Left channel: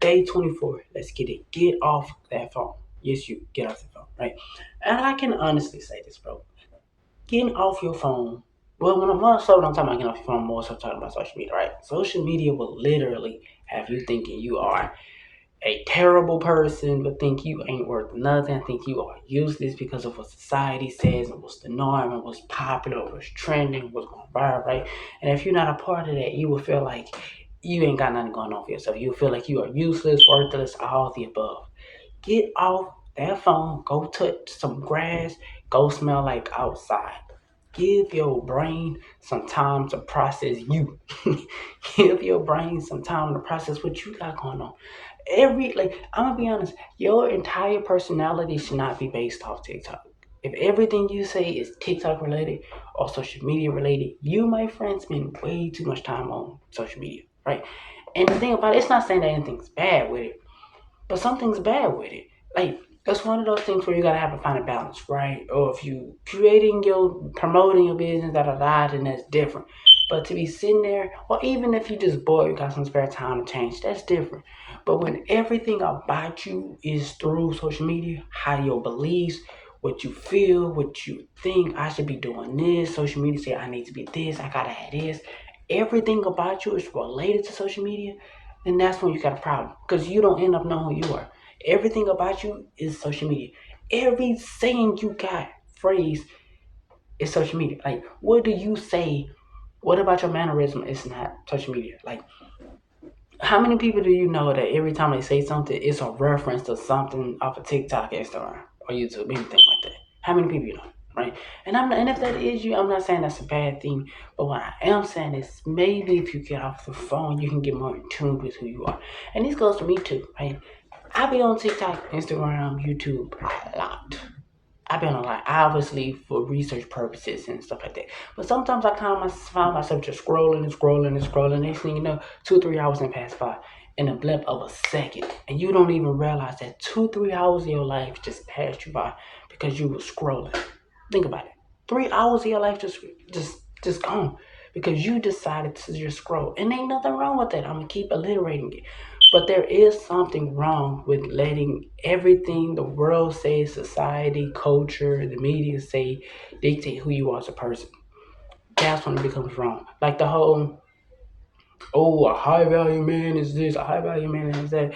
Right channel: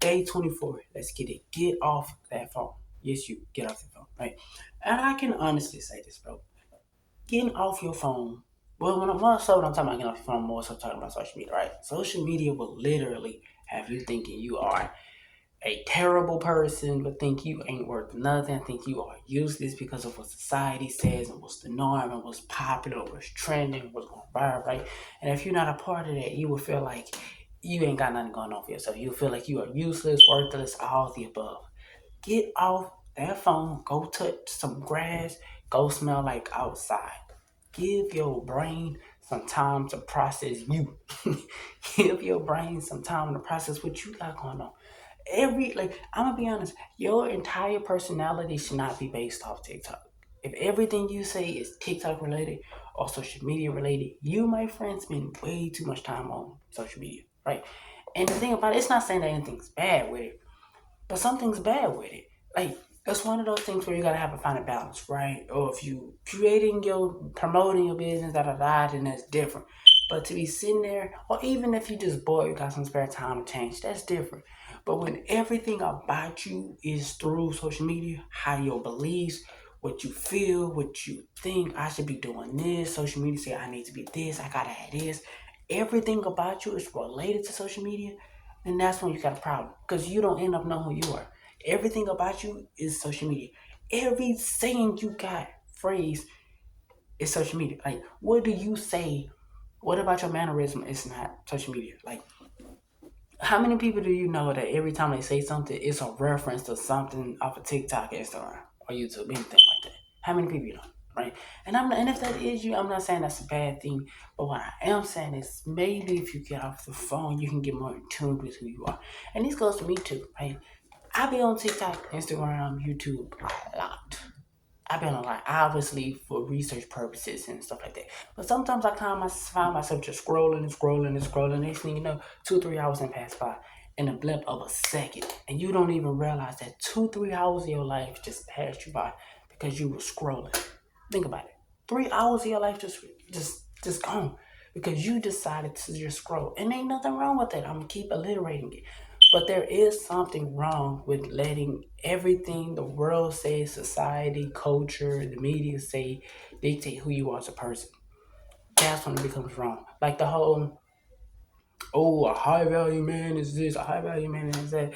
Day24. Let's get it. Get off that phone. Yes, you get off the phone, right? And I can honestly say this, bro. Getting off your phone. Well, when I'm talking about getting off your phone, I'm also talking about social media, right? Social media will literally have you thinking you are a terrible person, but think you ain't worth nothing, think you are useless because of what society says and what's the norm and what's popular, what's trending, what's going viral, right? And if you're not a part of that, you will feel like you ain't got nothing going on for yourself. You'll feel like you are useless, worthless, all the above. Get off that phone, go touch some grass, go smell like outside. Give your brain some time to process you. Give your brain some time to process what you got going on. I'm gonna be honest, your entire personality should not be based off TikTok. If everything you say is TikTok related or social media related, you, my friend, spend way too much time on social media, right? And the thing about it, it's not saying that anything's bad with it, but something's bad with it. Like it's one of those things where you gotta have to find a balance, right? Or if you promoting your business, then that's different. But to be sitting there, or even if you just bored, you got some spare time to change, that's different. But when everything about you is through social media, how your beliefs, what you feel, what you think, I should be doing this. Social media say I need to be this, I gotta have this. Everything about you is related to social media, then that's when you got a problem. Because you don't end up knowing who you are. Everything about you is social media. Every saying you got, phrase, is social media. Like, what do you say? What about your mannerism is not social media? Like, how many people do you know that every time they say something, it's a reference to something off of TikTok, Instagram, or YouTube, anything like that? How many people you know, right? And if that is you, I'm not saying that's a bad thing. But what I am saying is maybe if you get off the phone, you can get more in tune with who you are. And this goes to me too, right? I be on TikTok, Instagram, YouTube a lot. I've been on like obviously for research purposes and stuff like that. But sometimes I find myself just scrolling and scrolling and scrolling. Next thing you know, 2, 3 hours can pass by in a blip of a second, and you don't even realize that 2, 3 hours of your life just passed you by because you were scrolling. Think about it. 3 hours of your life just gone because you decided to just scroll, and ain't nothing wrong with that. I'm gonna keep alliterating it. But there is something wrong with letting everything the world says, society, culture, the media say, dictate who you are as a person. That's when it becomes wrong. Like the whole, oh, a high value man is this, a high value man is that.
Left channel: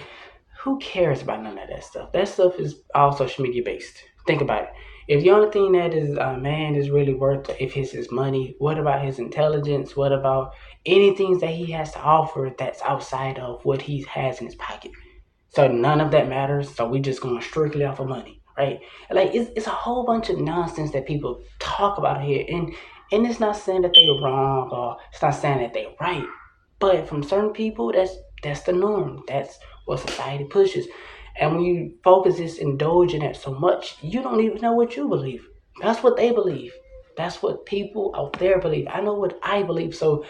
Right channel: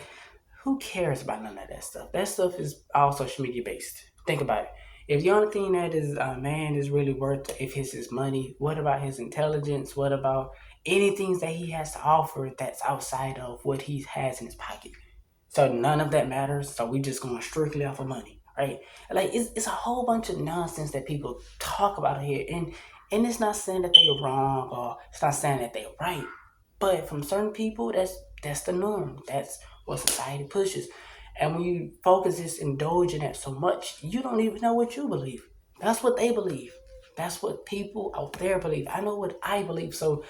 Who cares about none of that stuff? That stuff is all social media based. Think about it. If the only thing that is a man is really worth, if it's his money, what about his intelligence? What about anything that he has to offer that's outside of what he has in his pocket? So none of that matters. So we just going strictly off of money, right? Like it's a whole bunch of nonsense that people talk about here, and it's not saying that they're wrong or it's not saying that they're right, but from certain people, that's the norm. That's what society pushes, and when you focus this indulging it so much, you don't even know what you believe. That's what they believe. That's what people out there believe. I know what I believe, so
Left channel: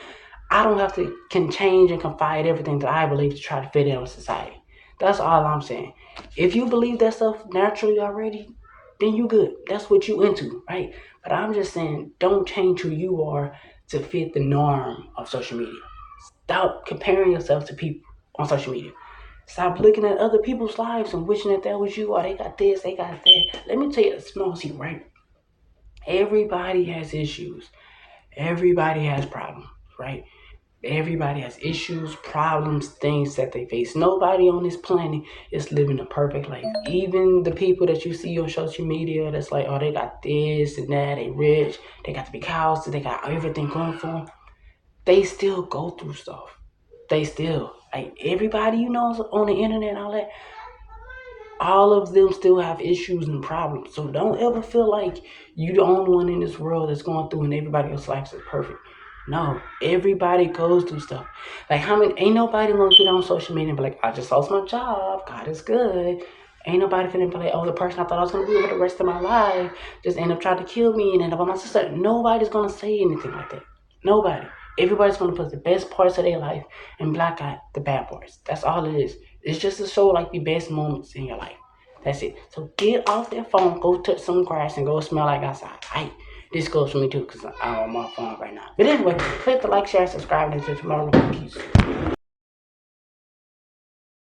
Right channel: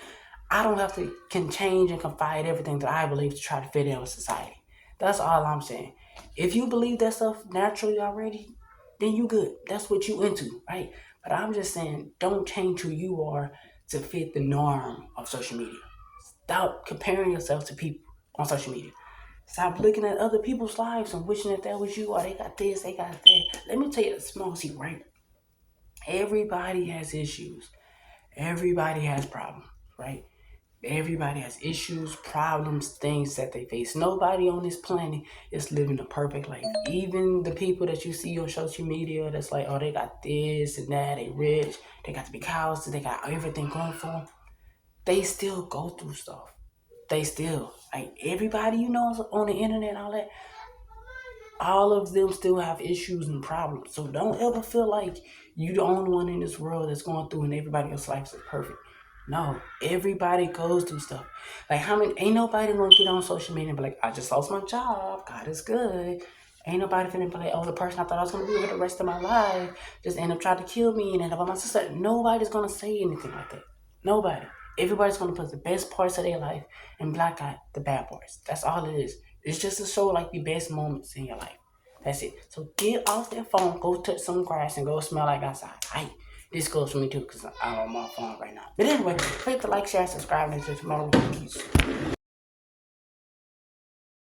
I don't have to can change and confide everything that I believe to try to fit in with society. That's all I'm saying. If you believe that stuff naturally already, then you good. That's what you into, right? But I'm just saying, don't change who you are to fit the norm of social media. Stop comparing yourself to people on social media. Stop looking at other people's lives and wishing that that was you, or they got this, they got that. Let me tell you a small secret, right? Everybody has issues. Everybody has problems, right? Everybody has issues, problems, things that they face. Nobody on this planet is living a perfect life. Even the people that you see on social media that's like, oh, they got this and that, they rich, they got the big house, they got everything going for them. They still go through stuff. They still, like everybody you know is on the internet and all of them still have issues and problems. So don't ever feel like you the only one in this world that's going through and everybody else's life is perfect. No, everybody goes through stuff. Like how many? Ain't nobody gonna get on social media and be like, "I just lost my job. God is good." Ain't nobody feeling like, "Oh, the person I thought I was gonna be with the rest of my life just end up trying to kill me and end up on my sister." Nobody's gonna say anything like that. Nobody. Everybody's gonna put the best parts of their life and black out the bad parts. That's all it is. It's just to show like the best moments in your life. That's it. So get off that phone, go touch some grass, and go smell like outside. Right? This goes for me too, because I'm on my phone right now. But anyway, click the like, share, subscribe, and until tomorrow. Peace.